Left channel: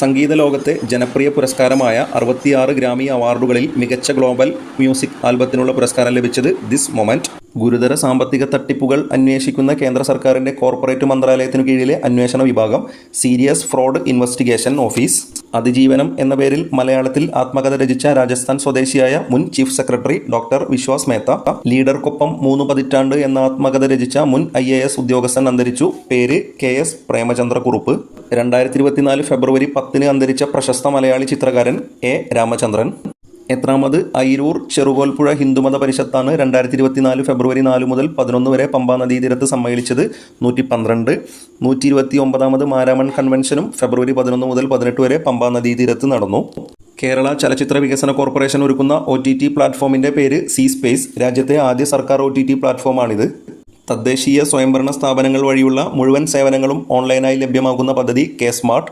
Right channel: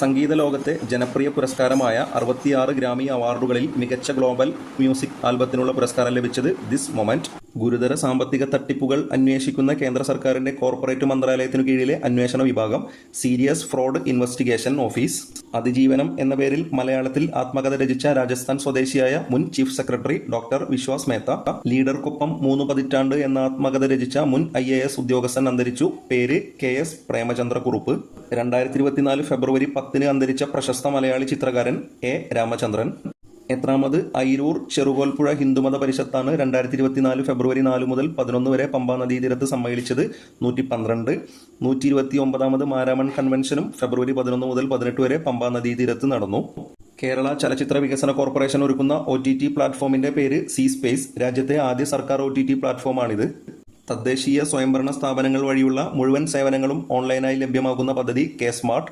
സംഗീത ലോകത്തെ ജനപ്രിയ പുരസ്കാരമായ 66 ഗ്രാമി അവാർഡുകളിൽ മികച്ച ഗ്ലോബൽ മ്യൂസിക് ആൽബത്തിനുള്ള പുരസ്കാരം ലഭിച്ചത് ദിസ് മൊമെന്റ്. ഗുരുതര സാമ്പത്തിക തട്ടിപ്പുകൾ അന്വേഷിക്കുന്ന കേന്ദ്ര സർക്കാരിന്റെ കോർപ്പറേറ്റ് മന്ത്രാലയത്തിനു കീഴിലെ അന്വേഷണ വിഭാഗം സീരിയസ് ഫ്രോഡ് ഇൻവെസ്റ്റിഗേഷൻ ഓഫീസ് അതിജീവനം എന്ന പേരിൽ മലയാളത്തിൽ ആത്മകഥ രചിച്ച രാജസ്ഥാൻ സ്വദേശിയായ മുൻ chief secretary doctor Vishwas Mehta, ലീഡർക്കൊപ്പം 3 പതിറ്റാണ്ട് എന്ന ആത്മകഥ രചിച്ച മുൻ IAS ഉദ്യോഗസ്ഥൻ അന്തരിച്ചു. പേര് KS പ്രേമചന്ദ്രക്കുറുപ്പ്. 2024 ഫെബ്രുവരി 10 അന്തരിച്ച പ്രശസ്ത മലയാളി ചിത്രകാരൻ A രാമചന്ദ്രൻ. എത്രാമത് അയിരൂർ ചെറുകോൽപ്പുഴ ഹിന്ദുമത പരിഷത്താണ് 2024 ഫെബ്രുവരി 4 മുതൽ 11 വരെ പമ്പാ നദീതീരത്ത് സമ്മേളിച്ചത്. 112. 129ാമത് മാരാമൺ കൺവെൻഷനും ഫെബ്രുവരി 11 മുതൽ 18 വരെ പമ്പാ നദീതീരത്ത് നടന്നു. കേരള ചലച്ചിത്ര വികസന കോർപ്പറേഷൻ ഒരുക്കുന്ന OTT പ്ലാറ്റ്ഫോമിന്റെ പേര് സി സ്പേസ്. രാജ്യത്തെ ആദ്യ സർക്കാർ OTT പ്ലാറ്റ്ഫോമാണിത്. തദ്ദേശീയ സ്വയംഭരണ സ്ഥാപനങ്ങൾ വഴിയുള്ള മുഴുവൻ സേവനങ്ങളും ഓൺലൈനായി ലഭ്യമാകുന്ന പദ്ധതി K സ്മാർട്ട്.